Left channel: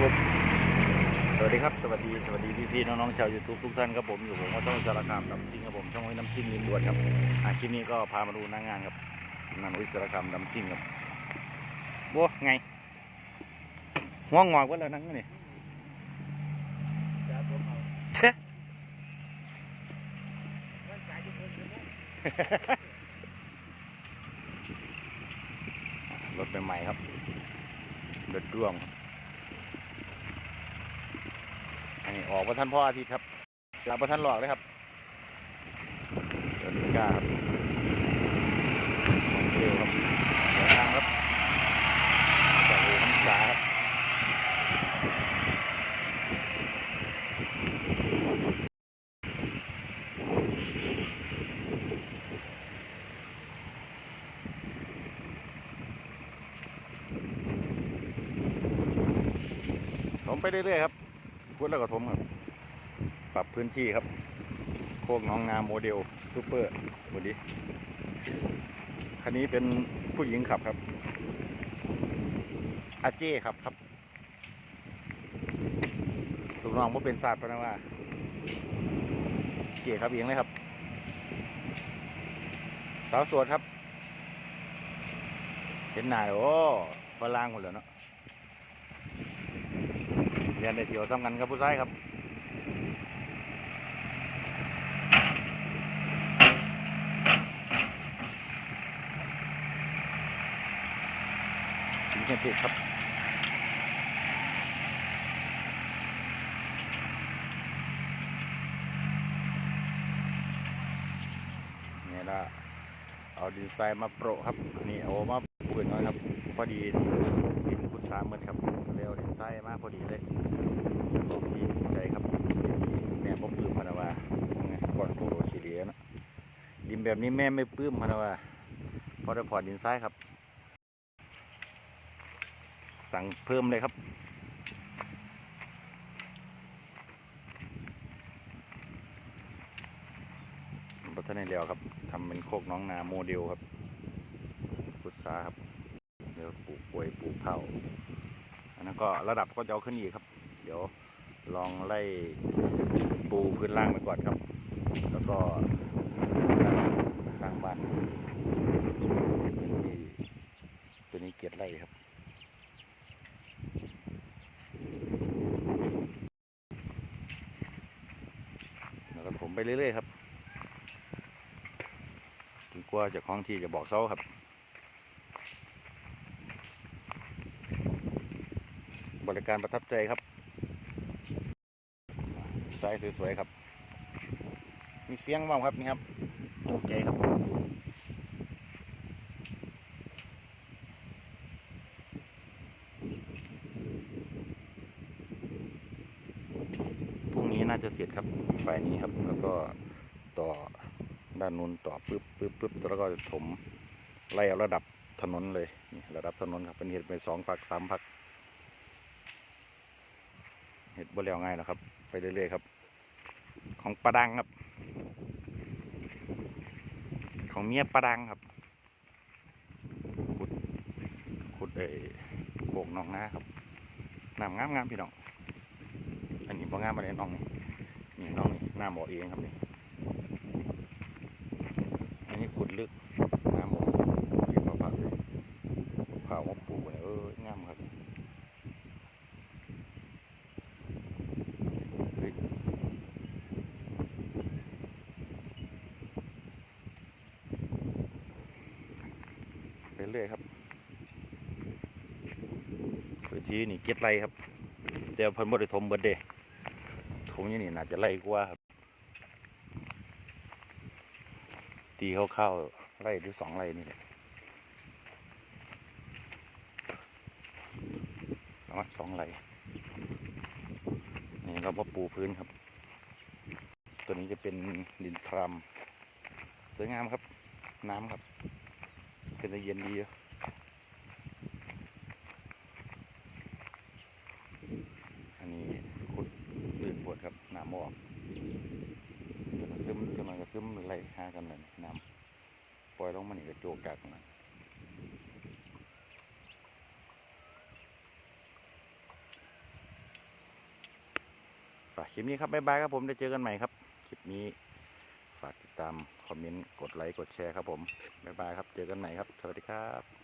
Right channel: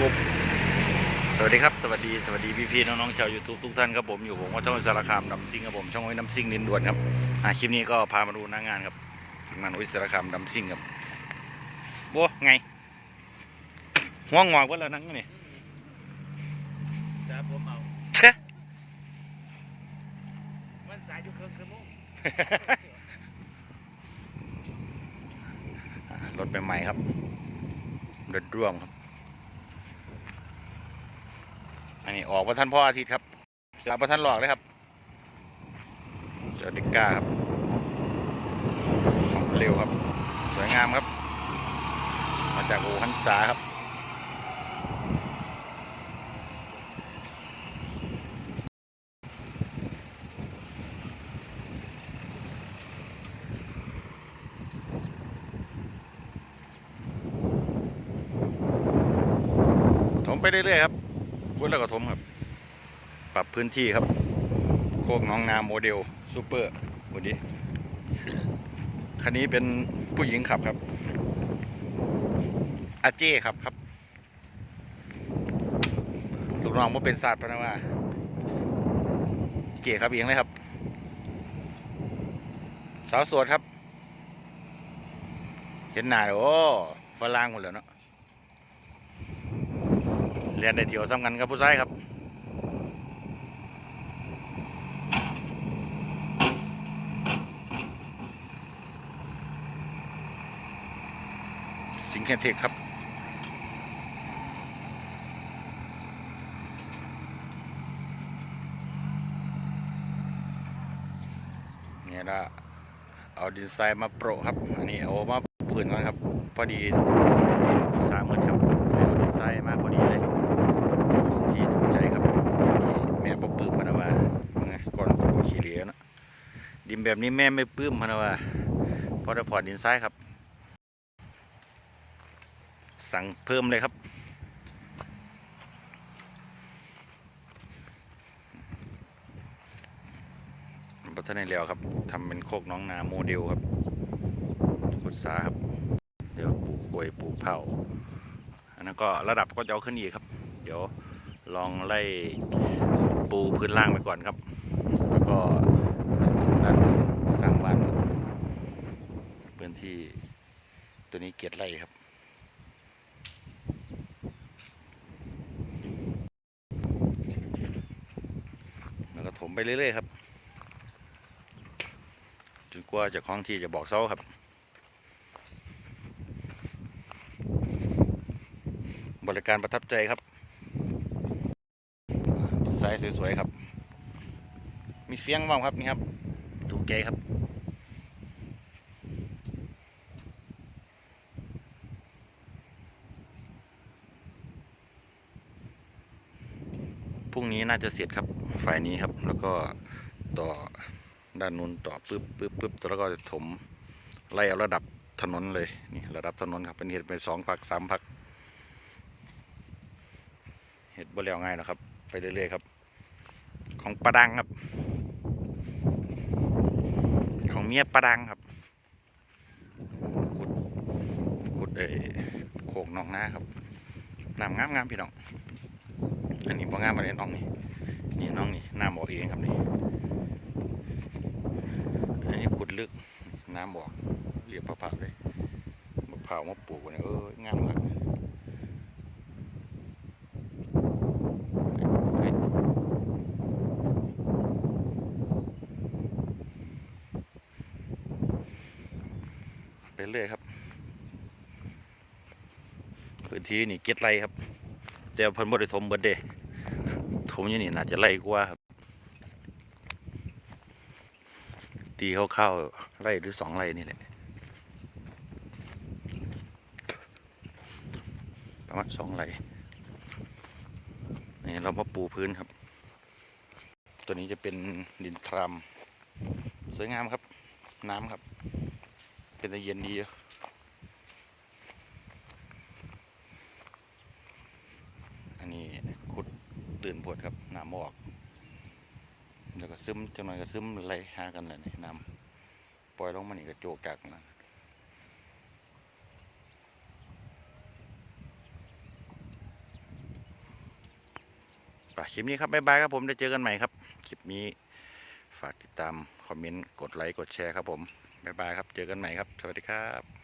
กบสวัสดีครับ สวัสดีสวัสดีพี่ๆน้องๆชาว YouTube ทุกท่านครับผมอยู่ผมว่าช่องสารคามดำซิงครับผมช่องไว้น้ำซิงดินด่วนครับอ่าคลิปนี้ก็พามาดูหน้างานครับทีมงานวิสารคามดำซิงครับบัวไงหัวงอกว่าแล้วนั่งนี่จ้าผมเอาเช่มันสายอยู่เพิ่งชั่วโมงอ่ารถใหม่ๆครับรถร่วมครับ อันนี้ออกประท่านพ่ออาทิตย์ครับสลับประท่านหลอกเลยครับเจ้านิก้าครับของเร็วครับ สวยงามครับมาจากอู่คำสาครับถมไปเรื่อยๆครับ คุดแล้วก็ถมครับ ปรับพื้นที่ครับ โคกหน้องนาโมเดลซูเปอร์วันนี้คันนี้เป็นผู้หญิงขับครับ อาเจ้ครับครับลูกน้องว่าเป็นศาสตร์พนะว่าเจ้ครับเองเลยครับ สาวสวดครับ เห็นหน้าโอ้ฝรั่งหมดแล้วเนาะ รียนได้เที่ยวซ้ำกันกับผู้ชายครับสิงห์เทคครับเนี่ยละเอาดินทรายมาโปะครับ อันนี้เอามาปืนก่อนครับ พอดีสามมื่นครับเอาดินทรายมาพอดีเลย ที่ถูกใจครับแม่บ่ปื้มพนะว่าไงก่อนโอ้ขี้เหร่เนะดินแบบนี้แม่ไม่ปื้มพนะว่าเพอได้พอดินทรายครับ สั่งเพิ่มเลยครับบัตรในแล้วครับทำเป็นโคกน้องนาโมเดลครับขุดสาครับเดี๋ยวปลูกกล้วยปลูกเผาอันนั้นก็ระดับก็จะเอาขึ้นอีกครับ เดี๋ยว ลองไล่ปูพื้นล่างไปก่อนครับ แล้วก็ด้านสร้างบ้านพื้นที่ตัวนี้เกียรไร่ครับแล้วก็ถมไปเรื่อยๆครับจนกว่าจะคล้องที่จะบอกเซาครับบริการประทับใจครับ ส์สวยๆครับ มีเฟียงบ้างครับนี่ครับถูกใจครับพรุ่งนี้น่าจะเสร็จครับฝ่ายนี้ครับ แล้วก็ต่อด้านนู้นต่อปึ๊บปึ๊บปึ๊บแล้วก็จะถมไล่เอาระดับถนนเลยนี่ระดับถนนครับเป็นเห็ดไปสองพักสามพักเห็ดบ่แล้วง่ายนะครับ ไปเรื่อยๆครับ ของปลาดังครับ ของเมียปลาดังครับ ขุด ขุดเออโขกหนองนาครับน้ำงามงามๆพี่น้อง อันนี้บ่งามมาเลยน้องนี่ นี่น้องนี่น้ำออกเองครับนี่ อันนี้ขุดลึกน้ำออกเรียบผ่าๆเลยมะพร้าวมาปลูกเนี่ยเอองามครับเฮ้ย ไปเรื่อยครับ พื้นที่นี่เก็ดไรครับ แต่เพิ่นบ่ได้ถมเบิดเด้ถมอยู่นี่น่าจะไรกว่าครับ ตีคร่าๆไร่หรือสองไร่นี่แหละประมาณสองไร่นี่เรามาปูพื้นครับ ตัวนี้จะเป็นดินทราม สวยงามครับ น้ำครับ เป็นตะเย็นดีอยู่อันนี้ขุดลื่นปวดครับน้ำออกแล้วก็ซึมจังหน่อยก็ซึมไหลหากันเลยนี่น้ำปล่อยลงมานี่ก็โจกกักนะไปคลิปนี้ครับบ๊ายบายครับผมได้เจอกันใหม่ครับ คลิปนี้ ฝากติดตาม คอมเมนต์ กดไลค์ กดแชร์ครับผม บ๊ายบายครับ เจอกันใหม่ครับ สวัสดีครับ